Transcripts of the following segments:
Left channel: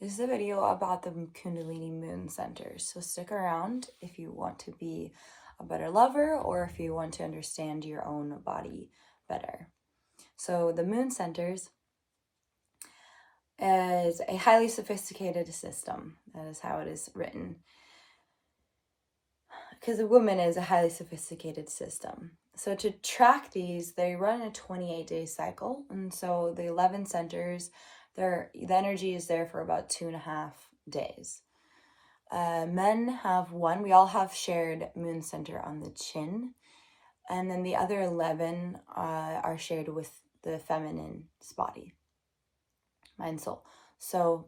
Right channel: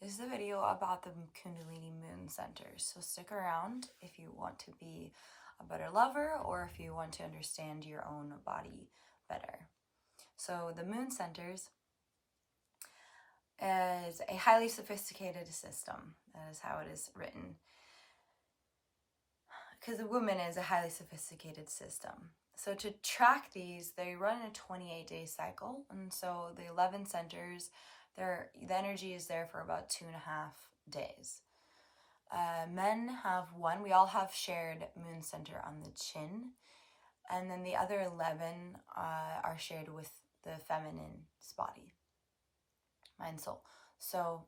This is a video about the Kundalini moon centers, so stick around if you want to be a better lover or if you want to understand your own body better. So the moon centers is a highly sophisticated system. That is how it is written. Because a woman is a highly sophisticated system. So to track these, they run a 28-day cycle. And so the 11 centers, the energy is there for about 2.5 days. Men have one. We all have shared moon center on the chin. And then the other 11 are shared with the feminine's body, mind, soul. So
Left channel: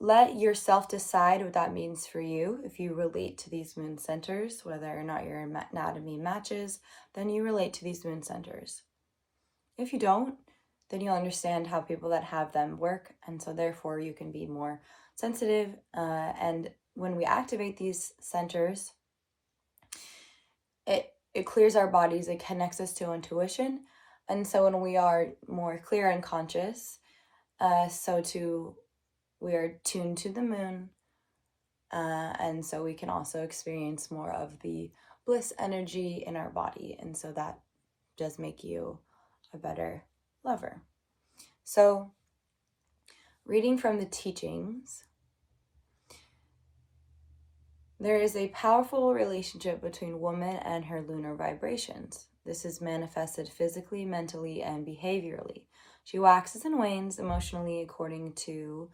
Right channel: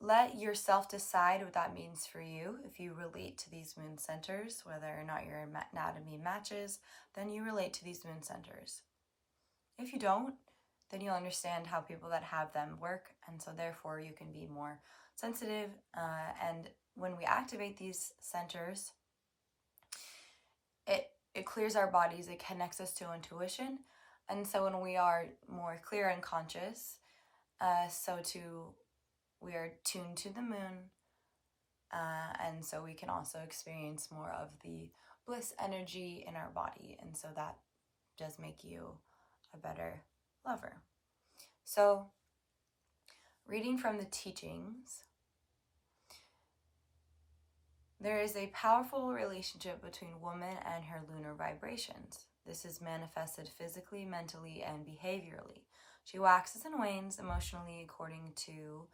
let yourself decide what that means for you. If you relate to these moon centers, whether or not your anatomy matches, then you relate to these moon centers. If you don't, then you'll understand how people that have them work, and so therefore you can be more sensitive. And when we activate these centers, it clears our bodies, it connects us to intuition, and so when we are more clear and conscious, we are tuned to the moon, and so we can also experience more of the bliss energy in our body, and so that does make you a better lover. So, reading from the teachings, there is a powerful relationship between woman and her lunar vibrations. This is manifested physically, mentally, and behaviorally. She waxes and wanes emotionally according to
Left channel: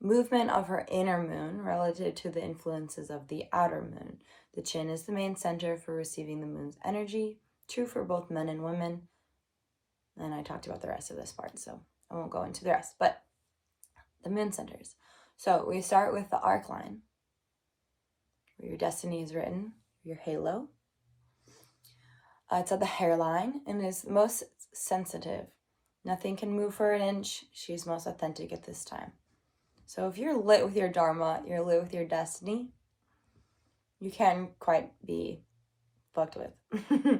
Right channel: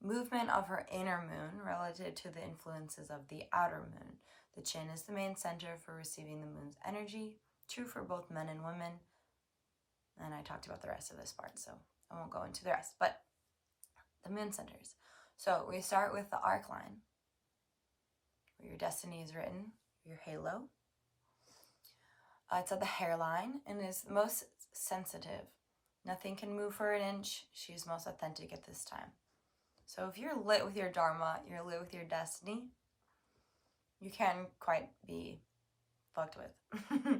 movement of her inner moon relative to the influences of the outer moon. The chin is the main center for receiving the moon's energy, true for both men and women. And I talked about the rest of this part, so I won't go into the rest, but the moon centers. So we start with the arc line, where your destiny is written, your halo. It's at the hairline and is most sensitive. Nothing can move for an inch. She's most authentic at this time. So if you're lit with your dharma, you're lit with your destiny, you can quite be fucked with.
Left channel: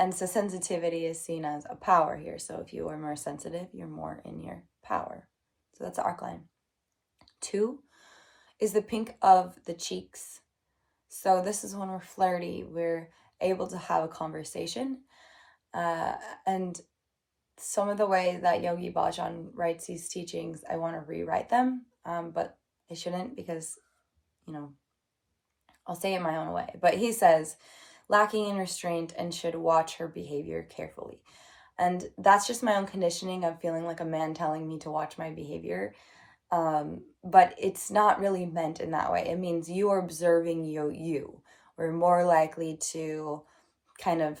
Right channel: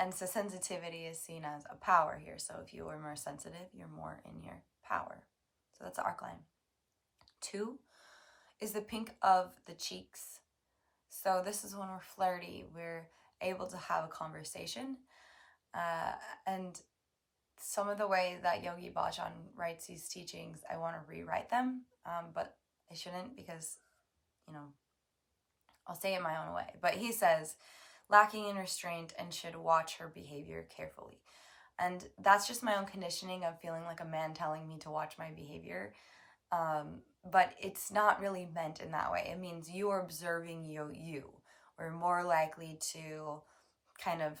And so sensitivity is seen as a power here. So if you are more sensitive, you're more in your power. So that's the arc line. 2 is the pink of the cheeks. So this is when we're flirty, we're able to have a conversation. And some of the way that Yogi Bhajan writes these teachings, I want to rewrite them, but I shouldn't because, I'll say it my own way. But he says, lacking in restraint and should watch her behavior carefully. And that's just my own conditioning of feeling like a man telling me to watch my behavior. But it's not really meant in that way. It means you are observing you. We're more likely to kind of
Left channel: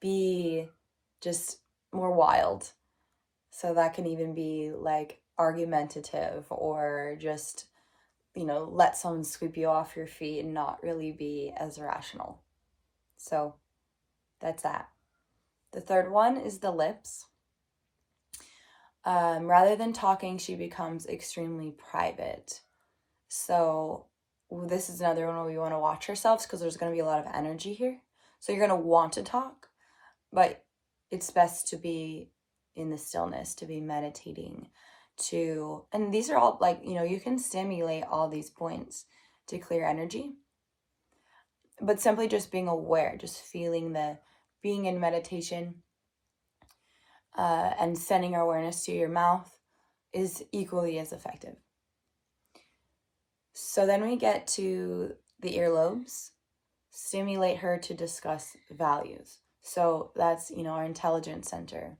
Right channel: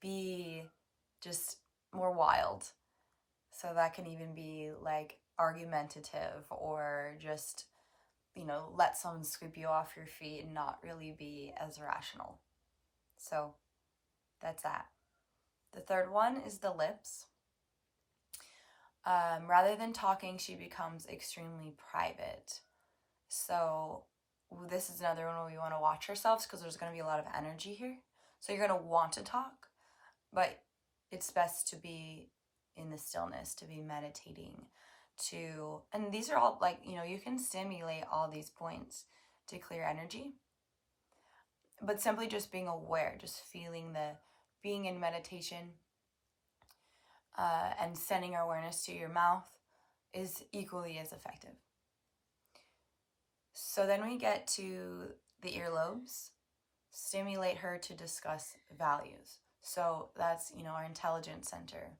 be just more wild. So that can even be like argumentative or just, let someone sweep you off your feet and not really be as rational. So that's that. The third one is the lips. Rather than talking, she becomes extremely private. So this is another one where we want to watch ourselves because there's going to be a lot of energy here. So you're going to want to talk, but it's best to be in the stillness, to be meditating, and these are all like, you can stimulate all these points to clear energy, but simply just being aware, just feeling being in meditation, and sending our awareness to your mouth is equally as effective. So then we get to the earlobes. Stimulate her to discuss values. So that's, our intelligence center.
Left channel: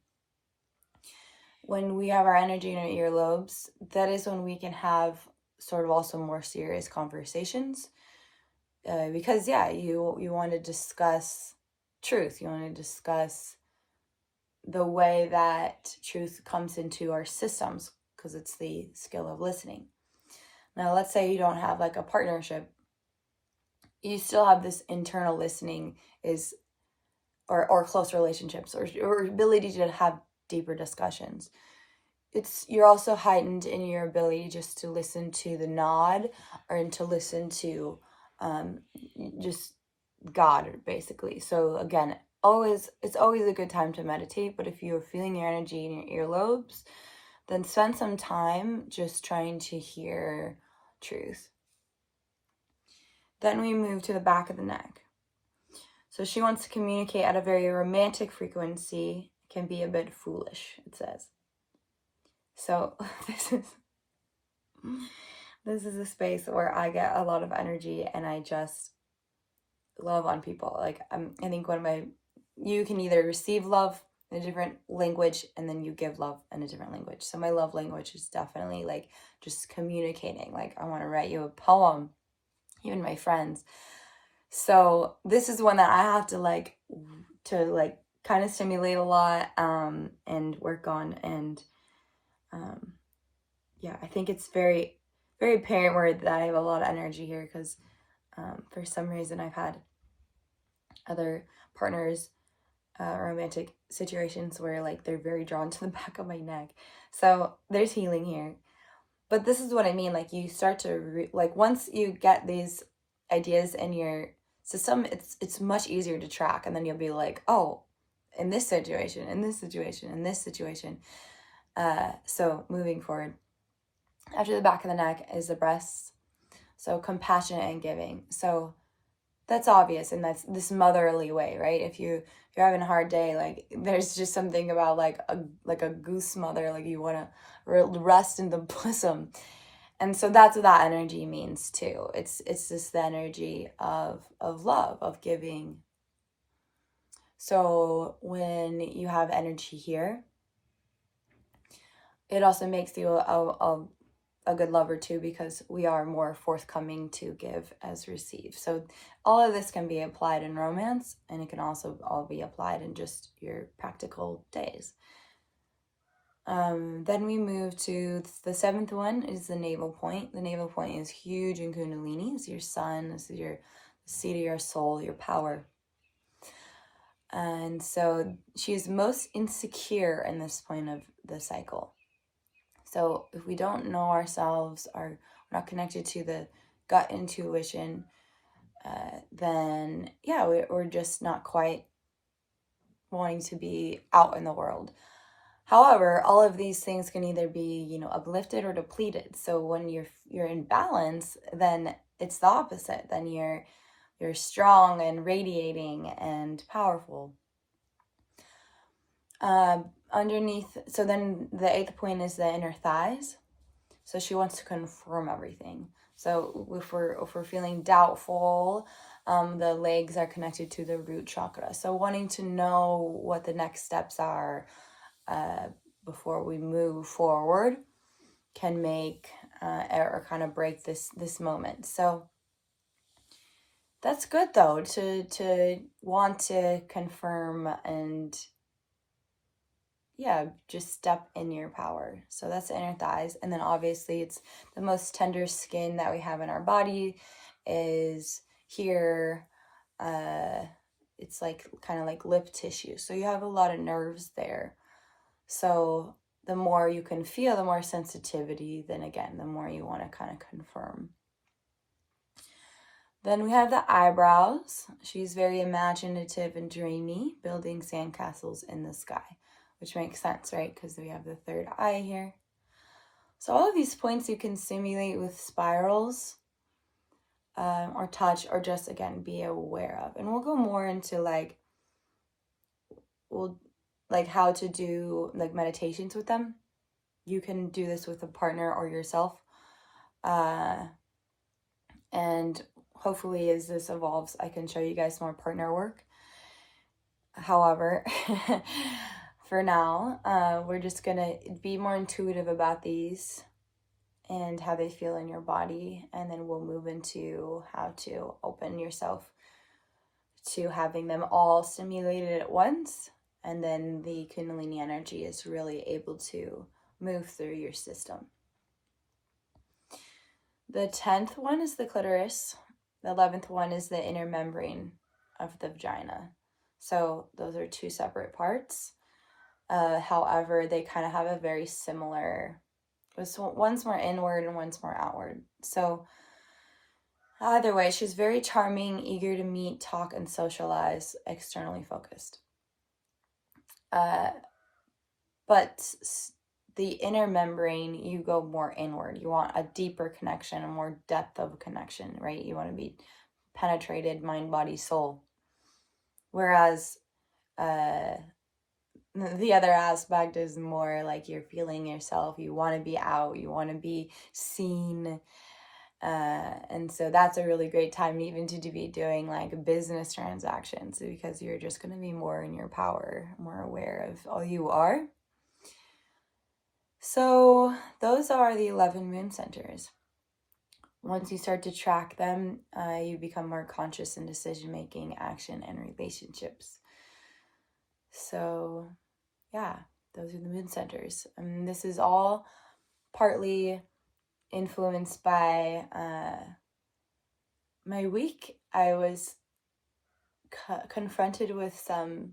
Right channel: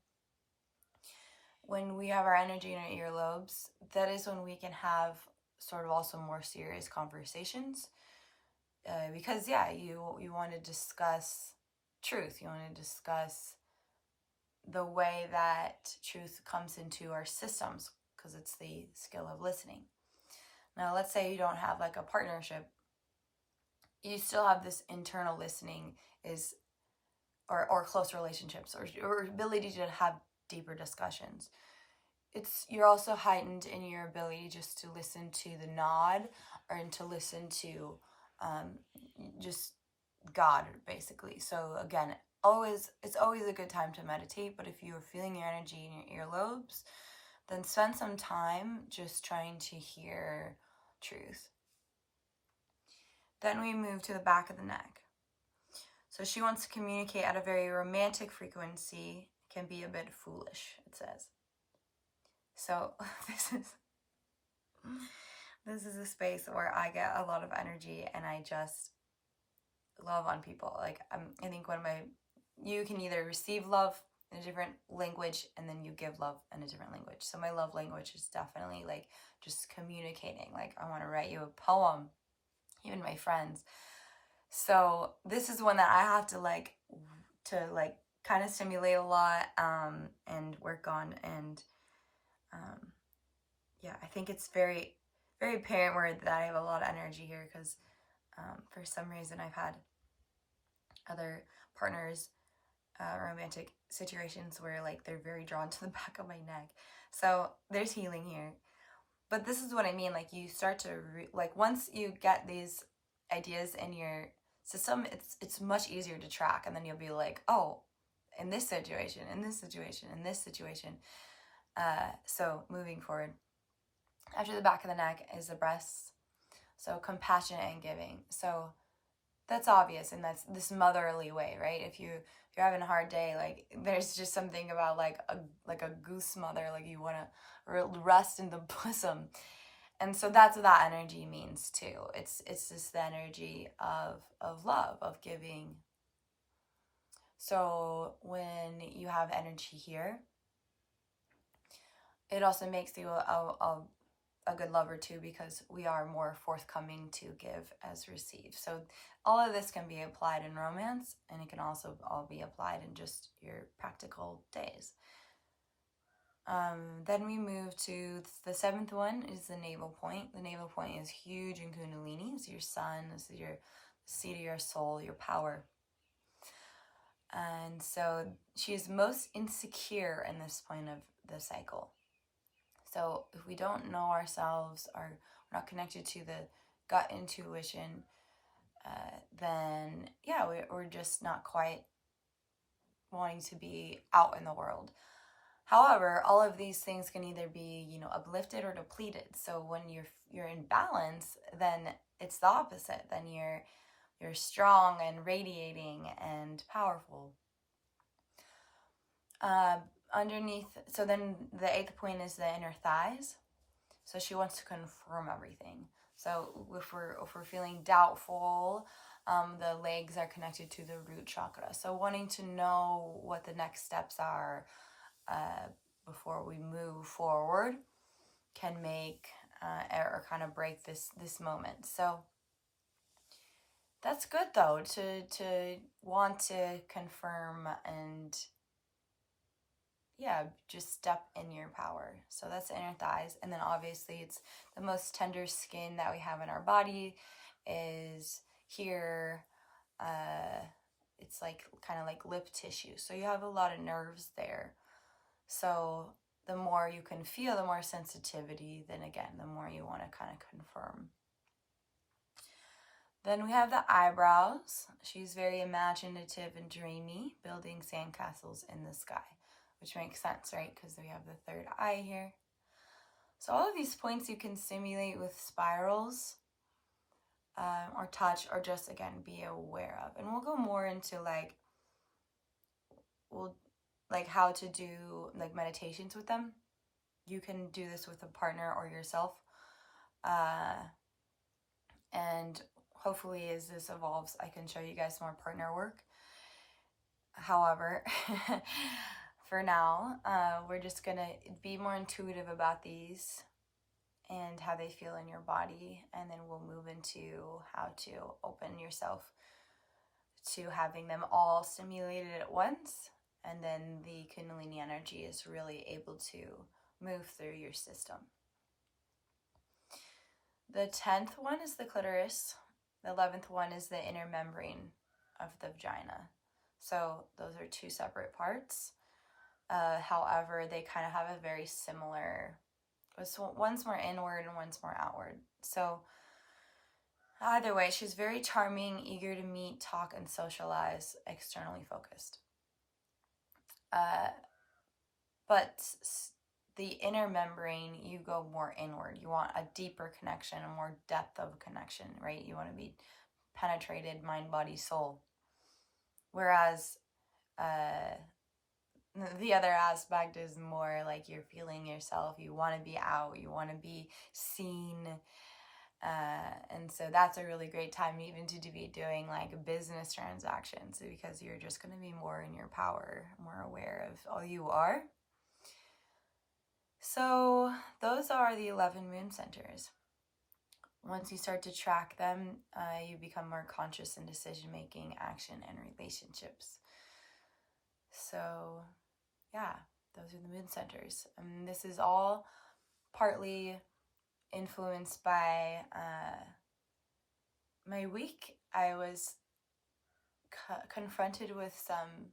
When we have our energy in our earlobes, that is when we can have sort of also more serious conversations. Because, you want to discuss truth. You want to discuss the way that truth comes into our systems, because it's the skill of listening. Now, let's say you don't have like a partnership. You still have this internal listening or close relationships or ability to have deeper discussions. You're also heightened in your ability just to listen to the nod or to listen to just God, basically. So again, it's always a good time to meditate, but if you're feeling your energy in your earlobes, then spend some time just trying to hear truth. Then we move to the back of the neck. So she wants to communicate at a very romantic frequency, can be a bit foolish, it says. So this is a space where I get a lot of energy and I just love on people. Like I think you can either receive love in a different language and then you give love in a different language. So my love language is definitely like just communicating. Like I want to write you a poem, even my friends. So this is one that I have to kind of stimulate a lot and work on. And yeah, I think it's very, very apparent where that I have a lot of energy here because for some reason I've had other partners, romantic situations where like they're very drawn to the back of my neck. So there's healing here. But this is what I mean. Like you start to once you get these ideas in your system, it's much easier to track, and then you'll be like, oh, in this situation, in this situation, in this situation. So moving forward, after the back of the neck is the breasts. So compassionate and giving. So that's obvious, and that's this motherly way, right? If you're having a hard day, like there's just something about like a goose mother, like you want to rest in the bosom. And so that's what that energy means too. It's just the energy of love, of giving. So when you have energy here, it also makes you a good lover too, because we are more forthcoming to give as receive. So all of this can be applied in romance, and it can also all be applied in just your practical days. Then we move to the seventh one is the navel point. The navel point is huge in Kundalini. It's your sun, this is your seat of your soul, your power. And so she's most insecure in this point of the cycle. So if we don't know ourselves, or we're not connected to the gut intuition, then yeah, we're just not quite wanting to be out in the world. However, all of these things can either be, uplifted or depleted. So when you're in balance, then it's the opposite. Then you're strong and radiating and powerful. Underneath, so then the eighth point is the inner thighs. So she wants to confirm everything. So if we're feeling doubtful, the legs are connected to the root chakra. So wanting to know what the next steps are before we move forward can make or kind of break this moment. So that's good though, to want to confirm and just step in your power. So that's the inner thighs. And then obviously it's the most tender skin that we have in our body is here. It's like kind of like lip tissue. So you have a lot of nerves there. So the more you can feel, the more sensitivity, then again, the more you want to kind of confirm. Then we have the eyebrows. She's very imaginative and dreamy, building sandcastles in the sky, which makes sense, right? Because we have the third eye here. So all of these points you can simulate with spirals or touch, or just, again, be aware of. And we'll go more into how to do meditations with them. You can do this with a partner or yourself. And hopefully as this evolves, I can show you guys more partner work. However, for now, we're just gonna be more intuitive about these and how they feel in your body, and then we'll move into how to open yourself to having them all stimulated at once, and then the Kundalini energy is really able to move through your system. The 10th one is the clitoris. The 11th one is the inner membrane of the vagina. So those are two separate parts. However, they kind of have a very similar, one's more inward and one's more outward. So Either way, she's very charming, eager to meet, talk, and socialize, externally focused. But the inner membrane, you go more inward. You want a deeper connection, a more depth of connection, right? You want to be penetrated, mind, body, soul. Whereas the other aspect is more like you're feeling yourself. You want to be out. You want to be seen. And so that's a really great time even to be doing like business transactions, because you're just going to be more in your power, more aware of all you are. So those are the 11 moon centers. Once you start to track them, you become more conscious in decision making, action, and relationships. So yeah, those are the moon centers. This is all partly influenced by my week. I was confronted with some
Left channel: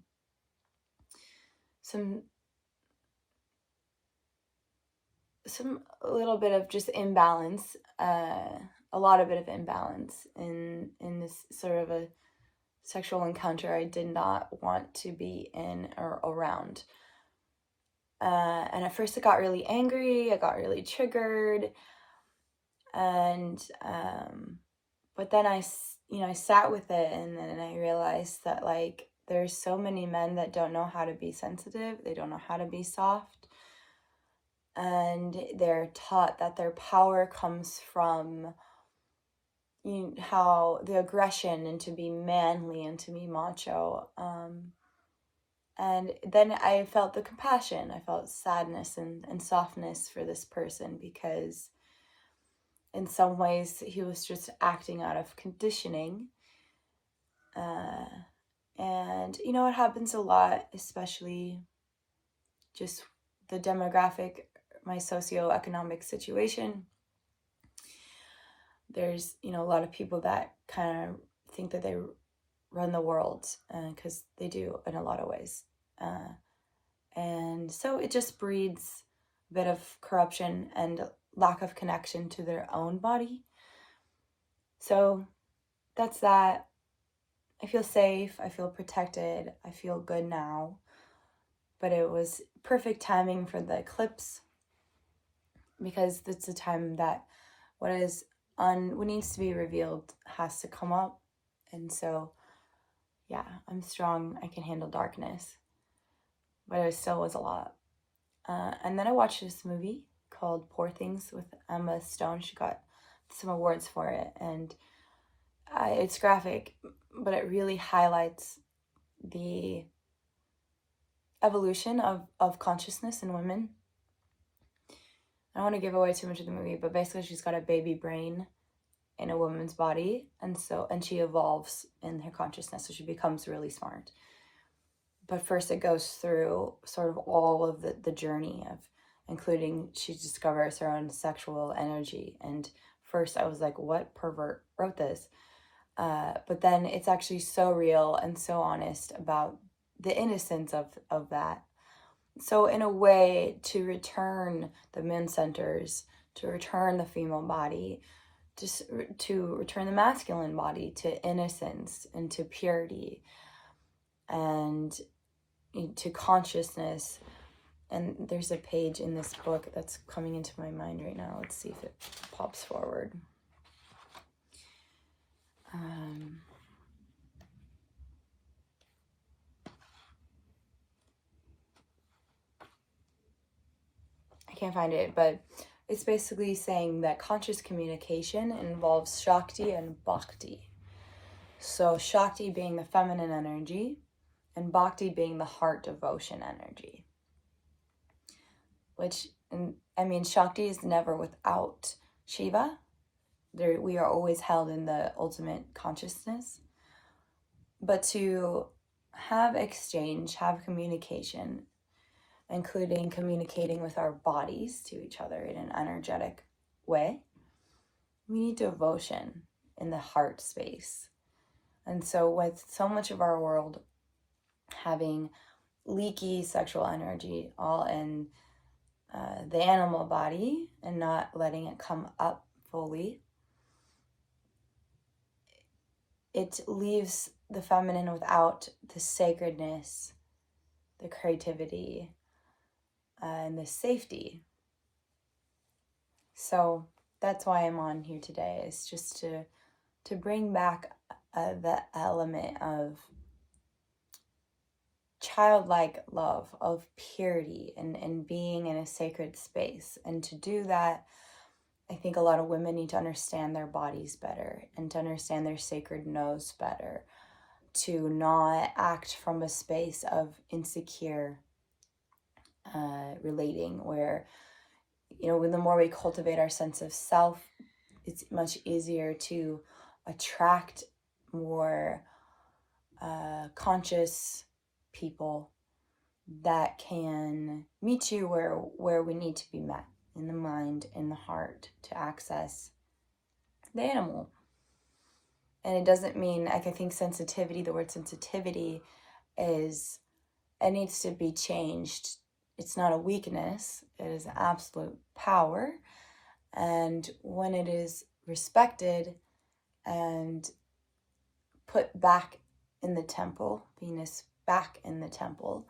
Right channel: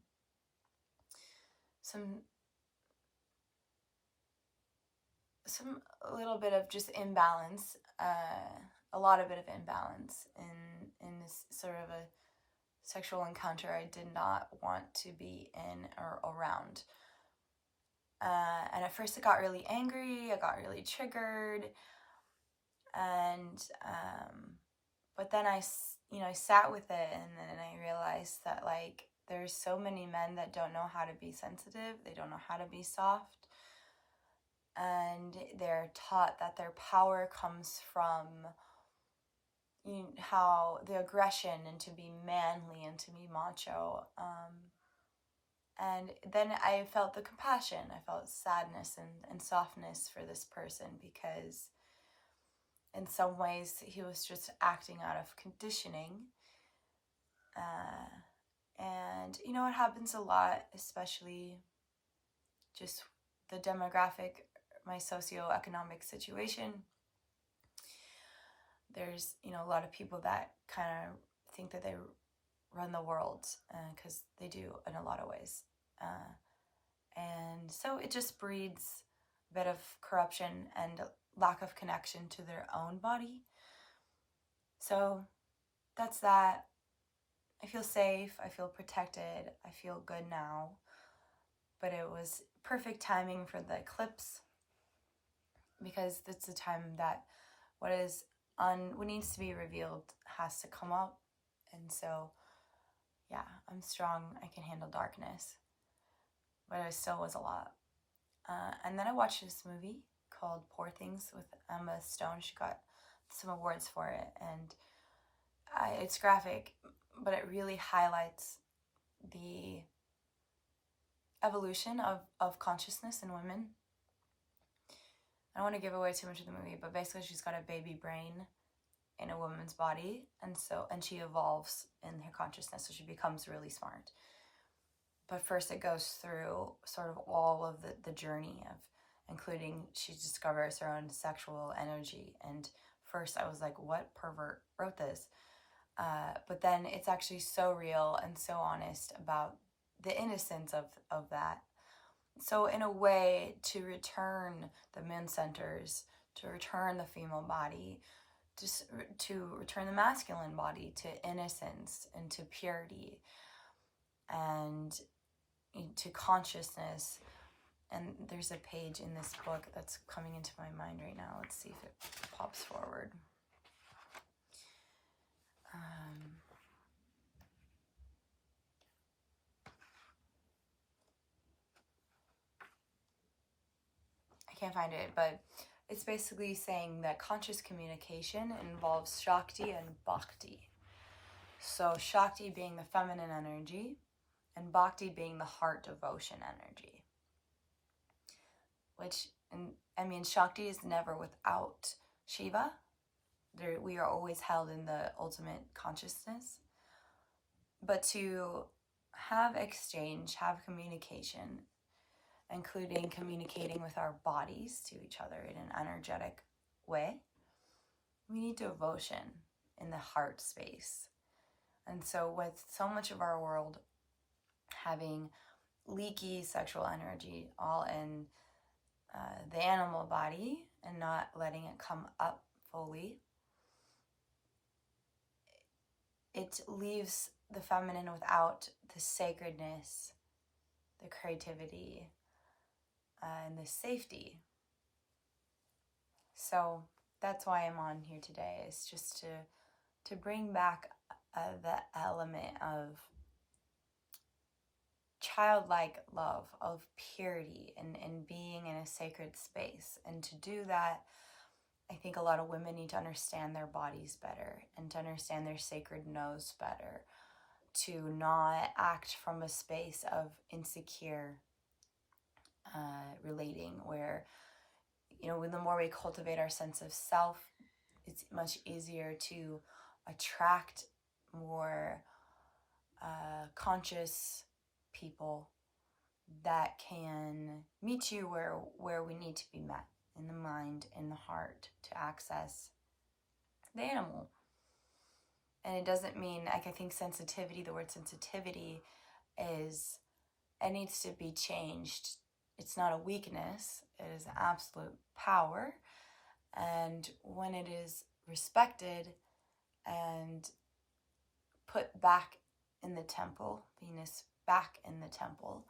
a little bit of just imbalance, a lot of bit of imbalance in this sort of a sexual encounter I did not want to be in or around. And at first I got really angry, I got really triggered, and but then I sat with it, and then I realized that like there's so many men that don't know how to be sensitive, they don't know how to be soft, and they're taught that their power comes from how the aggression and to be manly and to be macho. And then I felt the compassion, I felt sadness and softness for this person, because in some ways he was just acting out of conditioning. And it happens a lot, especially just the demographic, my socioeconomic situation. There's a lot of people that kind of think that they run the world, because they do in a lot of ways, and so it just breeds a bit of corruption and lack of connection to their own body. So that's that. I feel safe, I feel protected, I feel good now. But it was perfect timing for the eclipse, because it's a time that what needs to be revealed has to come up. And so yeah, I'm strong, I can handle darkness, but it still was a lot. And then I watched this movie called Poor Things with Emma Stone. She got some awards for it, and it's graphic, but it really highlights the evolution of consciousness in women. I don't want to give away too much of the movie, but basically she's got a baby brain in a woman's body, and she evolves in her consciousness, so she becomes really smart. But first it goes through sort of all of the journey of, including she discovers her own sexual energy. And first I was like, what pervert wrote this? But then it's actually so real and so honest about the innocence of that. So in a way, to return the moon centers, to return the female body, just to return the masculine body to innocence and to purity and to consciousness. And there's a page in this book that's coming into my mind right now. Let's see if it pops forward. I can't find it, but it's basically saying that conscious communication involves Shakti and Bhakti. So Shakti being the feminine energy, and Bhakti being the heart devotion energy. Which, Shakti is never without Shiva. We are always held in the ultimate consciousness. But to have exchange, have communication, including communicating with our bodies to each other in an energetic way, we need devotion in the heart space. And so with so much of our world having leaky sexual energy all in the animal body and not letting it come up fully, it leaves the feminine without the sacredness, the creativity, and the safety. So that's why I'm on here today, is just to bring back the element of childlike love, of purity, and being in a sacred space. And to do that, I think a lot of women need to understand their bodies better and to understand their sacred nose better, to not act from a space of insecure relating, where, you know, the more we cultivate our sense of self, it's much easier to attract more conscious people that can meet you where we need to be met, in the mind, in the heart, to access the animal. And it doesn't mean, like, I think sensitivity, the word sensitivity is, it needs to be changed. It's not a weakness, it is absolute power. And when it is respected and put back in the temple, Venus back in the temple,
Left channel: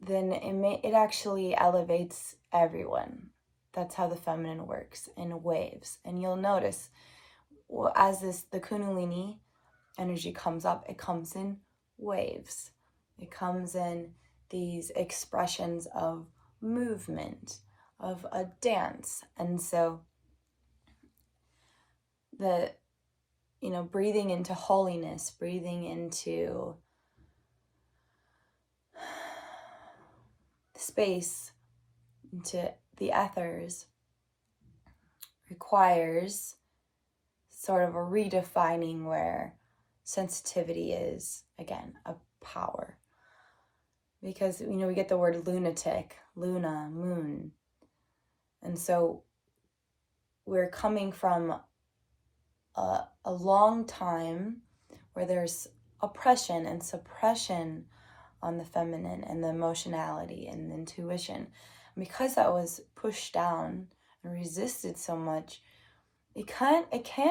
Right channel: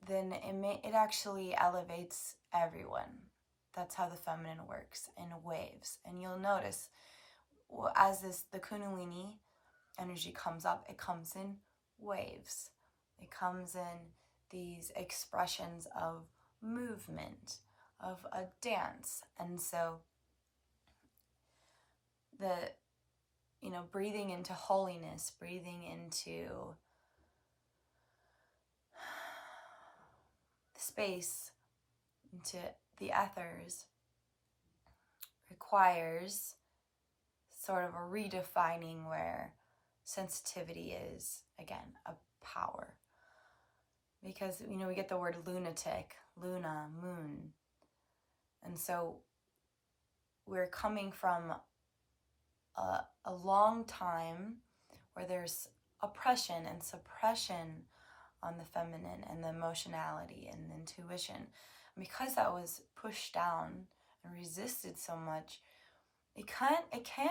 then it actually elevates everyone. That's how the feminine works, in waves. And you'll notice, as the Kundalini energy comes up, it comes in waves. It comes in these expressions of movement, of a dance. And so breathing into holiness, breathing into space, into the ethers, requires sort of a redefining where sensitivity is, again, a power. Because, we get the word lunatic, luna, moon. And so we're coming from a long time where there's oppression and suppression on the feminine and the emotionality and the intuition. And because that was pushed down and resisted so much, it can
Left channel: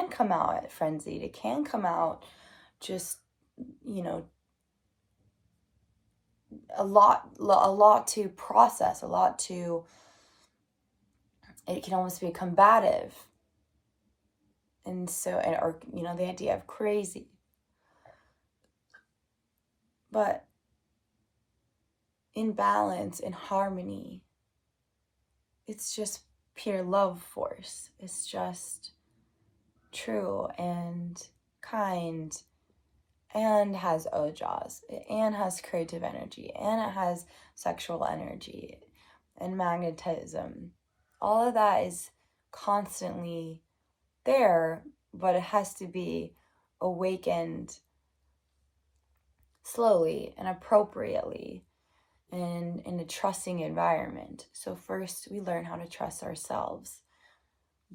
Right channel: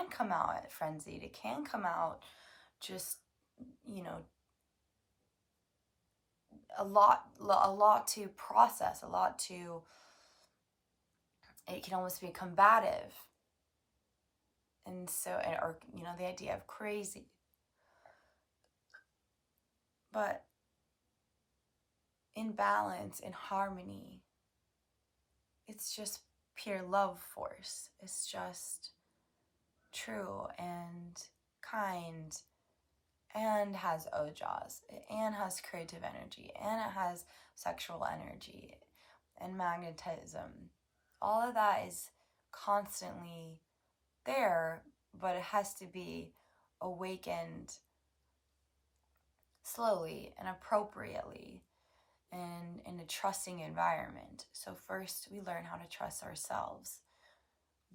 come out frenzied. It can come out just, a lot to process, it can almost be combative. And so, or the idea of crazy. But in balance, in harmony, it's just pure love force. It's just true and kind, and has ojas, and has creative energy, and it has sexual energy and magnetism. All of that is constantly there, but it has to be awakened slowly and appropriately and in a trusting environment. So first, we learn how to trust ourselves,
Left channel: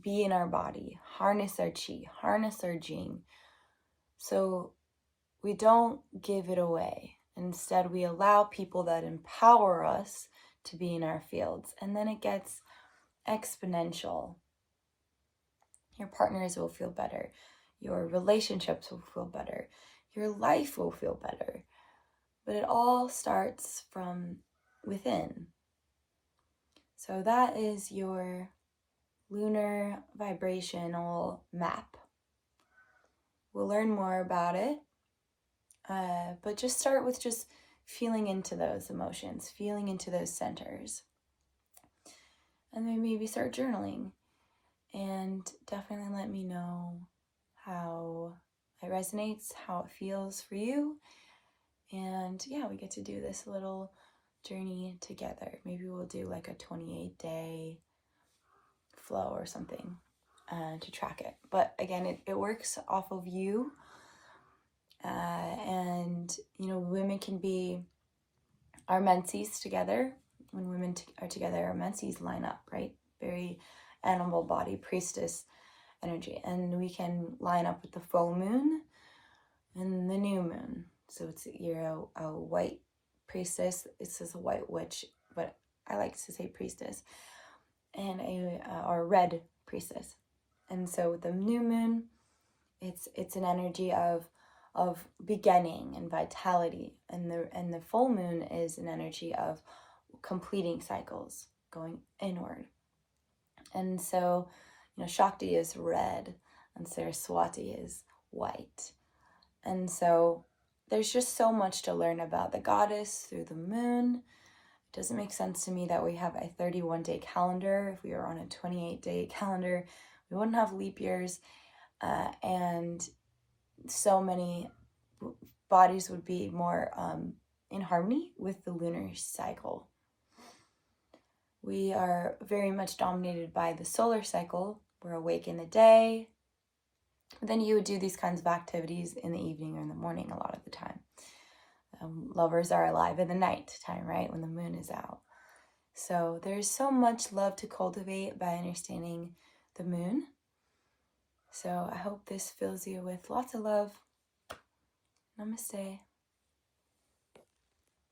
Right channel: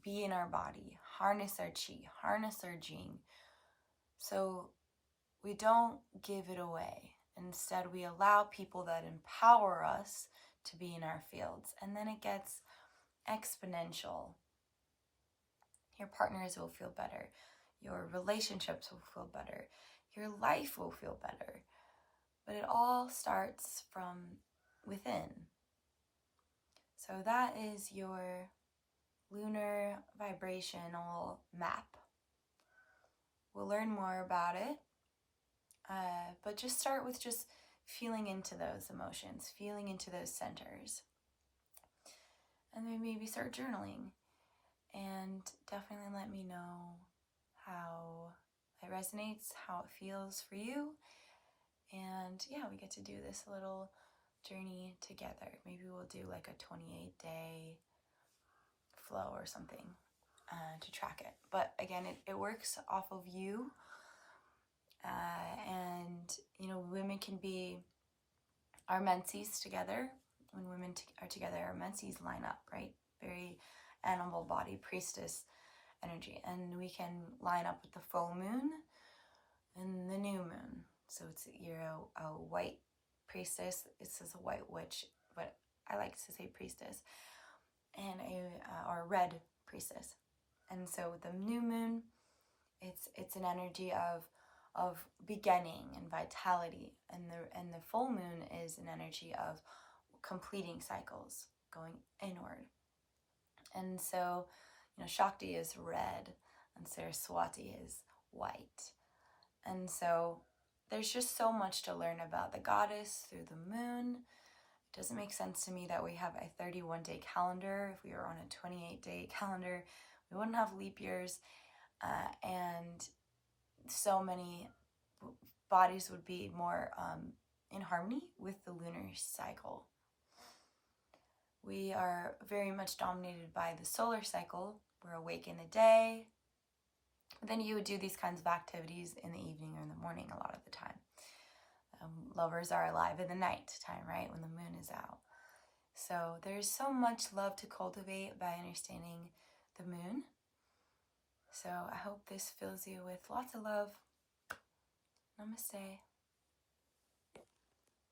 be in our body, harness our chi, harness our jing. So we don't give it away. Instead, we allow people that empower us to be in our fields. And then it gets exponential. Your partners will feel better. Your relationships will feel better. Your life will feel better. But it all starts from within. So that is your lunar vibrational map. We'll learn more about it. But just start with just feeling into those emotions, feeling into those centers. And then maybe start journaling. And definitely let me know how it resonates, how it feels for you. And yeah, we get to do this little journey together. Maybe we'll do like a 28-day flow or something to track it. But again, it works off of you. And, women can be our menses together. When women are together, our menses line up, right? Very animal body, priestess energy. And we can line up with the full moon and the new moon. So you're a white priestess. It says a white witch, but I like to say priestess. And a red priestess. And so with the new moon, it's an energy of beginning and vitality, and the full moon is an energy of completing cycles, going inward. And so, Shakti is red and Saraswati is white. And so there's just so much to learn about the goddess through the moon. It doesn't make sense to me that we have a 31-day calendar. If we were on a 28-day calendar, we wouldn't have leap years, and so many bodies would be more in harmony with the lunar cycle. We are very much dominated by the solar cycle. We're awake in the day. Then you would do these kinds of activities in the evening or in the morning a lot of the time. Lovers are alive in the night time, right? When the moon is out. So there's so much love to cultivate by understanding the moon. So I hope this fills you with lots of love. Namaste.